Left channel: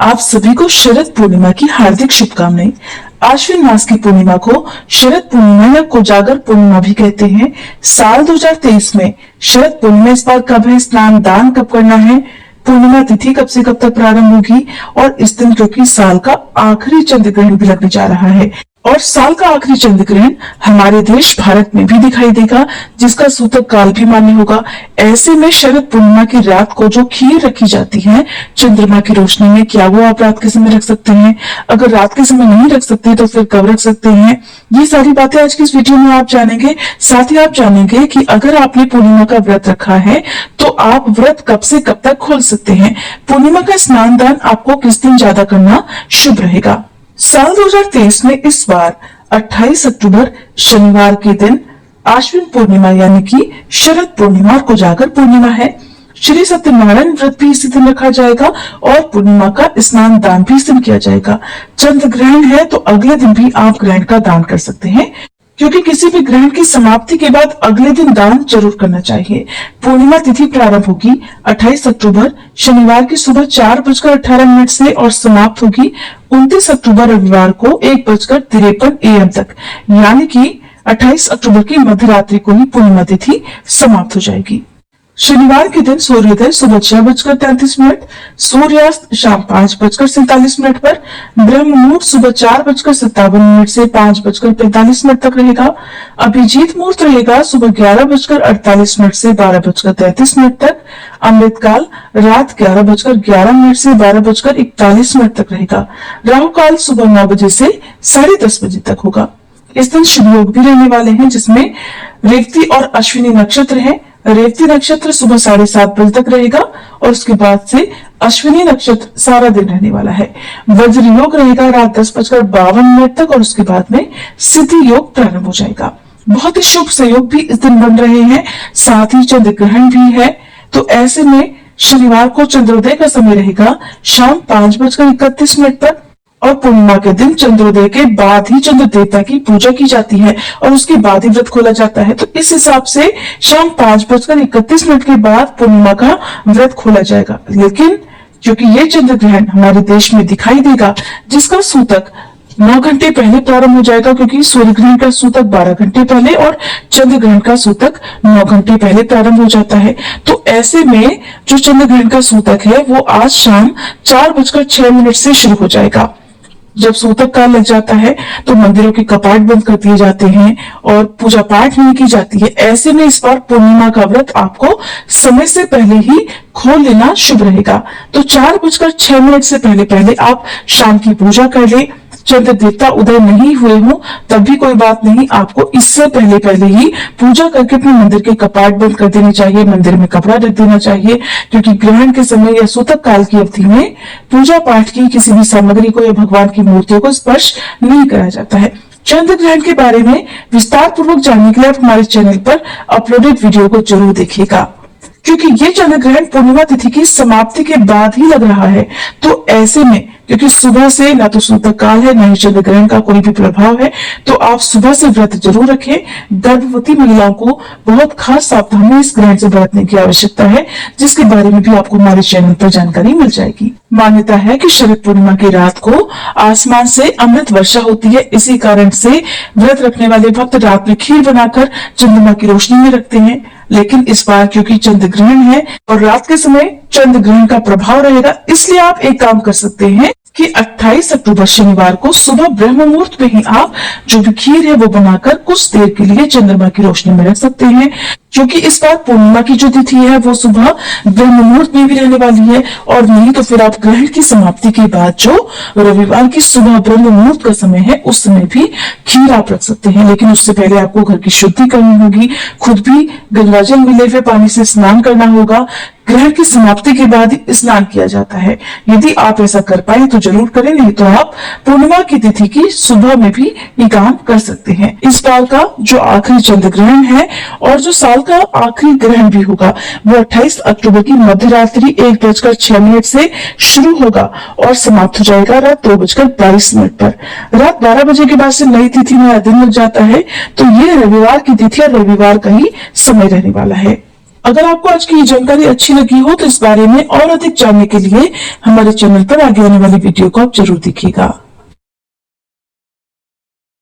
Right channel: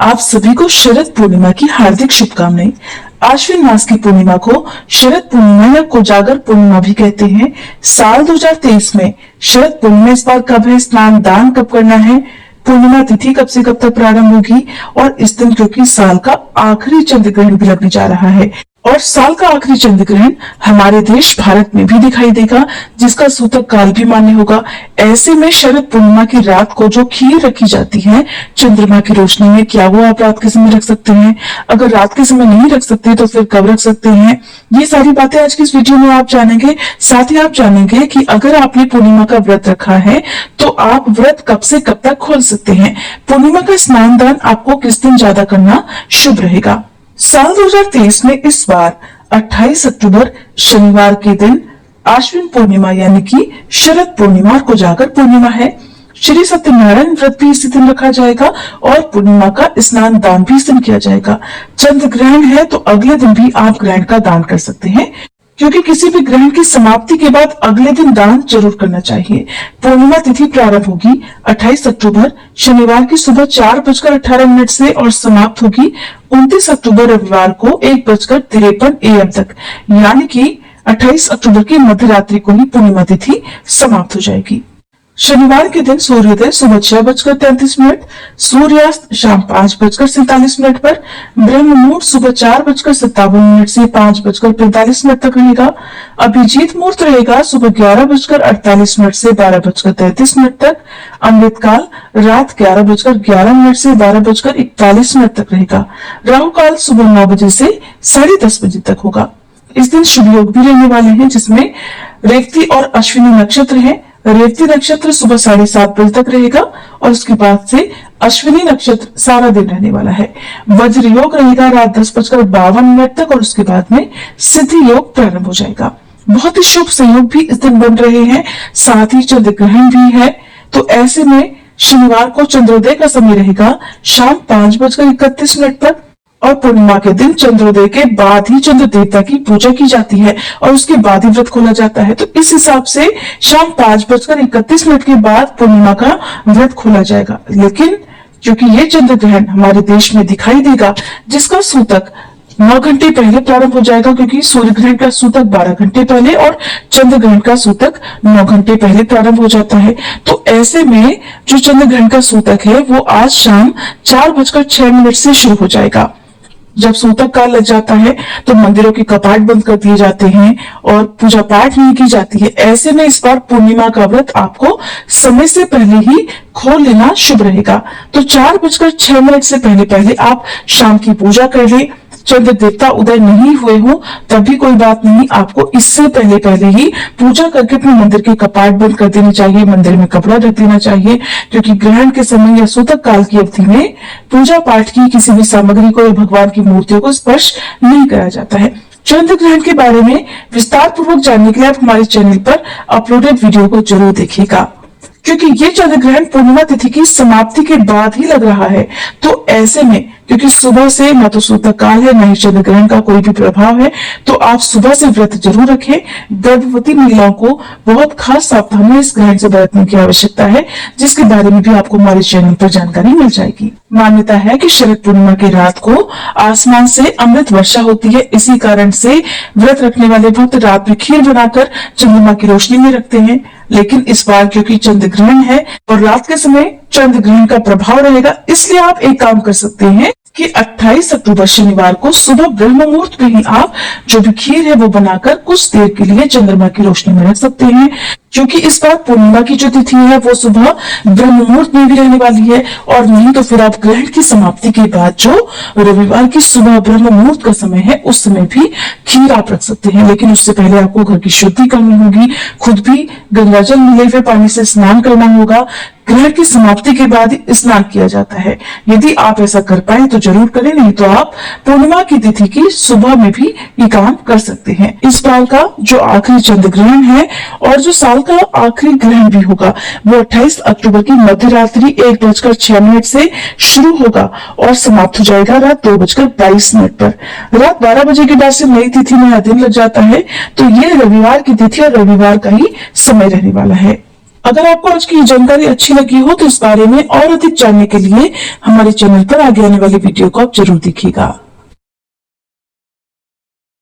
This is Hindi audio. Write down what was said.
आप सभी को शरद पूर्णिमा की हार्दिक शुभकामनाएं। आश्विन मास की पूर्णिमा को शरद पूर्णिमा या कोजागर पूर्णिमा भी कहते हैं। साल 2023 में शरद पूर्णिमा इस बार कब है, स्नान दान कब करना है, पूर्णिमा तिथि कब से कब तक प्रारंभ होगी और इस दिन क्योंकि साल का आखिरी चंद्र ग्रहण भी लगने जा रहा है और साल का आखिरी चंद्र ग्रहण हमारे देश भारत में भी दिखाई देगा, जिसका सूतक काल भी मान्य होगा। ऐसे में शरद पूर्णिमा की रात को जो खीर रखी जाती है चंद्रमा की रोशनी में, क्या वो आप रात के समय रख सकते हैं? अगर रात के समय नहीं रख सकते तो फिर कब रख सकते हैं? ये सारी बातें आज की इस वीडियो में आप जानेंगे। साथ ही आप जानेंगे कि अगर आपने पूर्णिमा का व्रत रखा है तो आप व्रत कब से कब तक खोल सकते हैं। पूर्णिमा का स्नान दान आपको किस दिन ज्यादा करना शुभ रहेगा। साल 2023 में इस बार 28 अक्टूबर शनिवार के दिन आश्विन पूर्णिमा यानी कि शरद पूर्णिमा और कोजागर पूर्णिमा है। श्री सत्यनारायण व्रत भी इसी दिन रखा जाएगा और पूर्णिमा का स्नान दान भी इस दिन किया जाएगा। चंद्र ग्रहण है तो अगले दिन भी आप ग्रहण का दान कर सकते हैं, क्योंकि किसी भी ग्रहण की समाप्ति के बाद अगले दिन दान जरूर करना चाहिए। पूर्णिमा तिथि प्रारंभ होगी 28 अक्टूबर शनिवार की सुबह 4:18 से और समाप्त होगी 29 अक्टूबर रविवार को 1:53 AM तक, यानी कि 28 अक्टूबर की मध्य रात्रि को ही पूर्णिमा तिथि समाप्त हो जाएगी। शनिवार के दिन सूर्योदय सुबह 6:33, सूर्यास्त शाम 5:47 पर, ब्रह्म मुहूर्त सुबह 4:57 से 5:45 तक रहेगा। अभिजीत मुहूर्त रहेगा सुबह 11:48 से 12:33 तक। अमृत काल रात 11:11 से 12:41 तक रहेगा। राहु काल सुबह 9 बजे से 10:30 बजे तक होगा। इस दिन शुभ योग भी रहने वाले हैं, जिसमें रेवती और अश्विनी नक्षत्र है। रेवती नक्षत्र सुबह 7:30 बजे तक रहेगा और उसके बाद से अश्विनी नक्षत्र सारा दिन रहने वाला है। वज्र योग रहेगा रात 10:52 तक और उसके बाद में सिद्धि योग प्रारंभ हो जाएगा। बहुत ही शुभ संयोग भी इस दिन बन रहे हैं, साथ ही चंद्र ग्रहण भी है। तो ऐसे में शनिवार को चंद्रोदय का समय रहेगा शाम 5:31 तक और पूर्णिमा के दिन चंद्रोदय के बाद ही चंद्र देवता की पूजा की जाती है और उसके बाद ही व्रत खोला जाता है। तो इस हिसाब से शाम 5:31 के बाद पूर्णिमा का व्रत खोला जाएगा। लेकिन क्योंकि ये चंद्र ग्रहण हमारे देश में दिखाई देगा, जिसका सूतक 9 घंटे पहले प्रारंभ हो जाएगा, क्योंकि सूर्य ग्रहण का सूतक 12 घंटे पहले और चंद्र ग्रहण का सूतक 9 घंटे पहले प्रारंभ हो जाता है। तो ऐसे में जो चंद्र ग्रहण का सूतक है वो आज शाम 4:06 से शुरू हो जाएगा। जब सूतक काल लग जाता है तो मंदिरों के कपाट बंद कर दिए जाते हैं और पूजा पाठ नहीं की जाती है। ऐसे में इस बार पूर्णिमा का व्रत आपको समय से पहले ही खोल लेना शुभ रहेगा। तो 4:06 से पहले आप शाम की पूजा कर ले। चंद्र देवता उदय नहीं हुए हो तब भी कोई बात नहीं, आपको इससे पहले ही पूजा करके अपने मंदिर के कपाट बंद कर देने चाहिए, मंदिर में कपड़ा रख देना चाहिए, क्योंकि ग्रहण के समय या सूतक काल की अवधि में पूजा पाठ की किसी भी सामग्री को या भगवान की मूर्तियों को स्पर्श नहीं कराया जाता है। चंद्र ग्रहण के बारे में विस्तार पूर्वक जानने के लिए आप हमारे चैनल पर अपलोडेड वीडियो को जरूर देखिएगा, क्योंकि ये चंद्र ग्रहण पूर्णिमा तिथि की समाप्ति के बाद ही लग रहा है। तो ऐसे में क्योंकि सुबह से ना तो सूतक काल है, ना ही चंद्र ग्रहण का कोई भी प्रभाव है, तो आप सुबह से व्रत जरूर रखें। गर्भवती महिलाओं को बहुत खास सावधानी इस ग्रहण से बरतने की आवश्यकता है, जिसके बारे में भी आपको हमारे चैनल पर जानकारी मिल जाएगी। मान्यता है कि शरद पूर्णिमा की रात को आसमान से अमृत वर्षा होती है। इसी कारण से व्रत रखने वाले भक्त रात में खीर बनाकर चंद्रमा की रोशनी में रखते हैं। लेकिन इस बार क्योंकि चंद्र ग्रहण है और रात के समय चंद्र ग्रहण का प्रभाव रहेगा, इसलिए आप एक काम कर सकते हैं कि 28 अक्टूबर शनिवार को सुबह ब्रह्म मुहूर्त पे ही आप जो भी खीर है वो बनाकर कुछ देर के लिए चंद्रमा की रोशनी में रख सकते हैं, क्योंकि इस बार पूर्णिमा की जो तिथि है वो सुबह ब्रह्म मुहूर्त में भी रहने वाली है। और नहीं तो फिर आप ग्रहण की समाप्ति के बाद जो रविवार की सुबह ब्रह्म मुहूर्त का समय है उस समय भी खीर आप रख सकते हैं। लेकिन उससे पहले आपको घर की शुद्धि करनी होगी, खुद भी गंगाजल मिले हुए पानी से स्नान करना होगा। ग्रहण की समाप्ति के बाद ही स्नान किया जाता है। यदि आप ऐसा कर पाए तो जरूर करें, नहीं तो आप पूर्णिमा की तिथि की सुबह में भी ये काम कर सकते हैं। इस साल का जो आखिरी चंद्र ग्रहण है और जो साल का आखिरी ग्रहण भी होगा वो 28 अक्टूबर की मध्य रात्रि 1:06 से शुरू होगा और समाप्त हो जाएगा रात 2:22 पर। रात 12 बजे के बाद से नई तिथि नया दिन लग जाता है। तो ये रविवार की तिथि और रविवार का ही समय रहने वाला है। अगर आपको आज की ये जानकारी अच्छी लगी हो तो इस बारे में और अधिक जानने के लिए हमारे चैनल पर आगे आने वाली वीडियो को आप जरूर देखिएगा।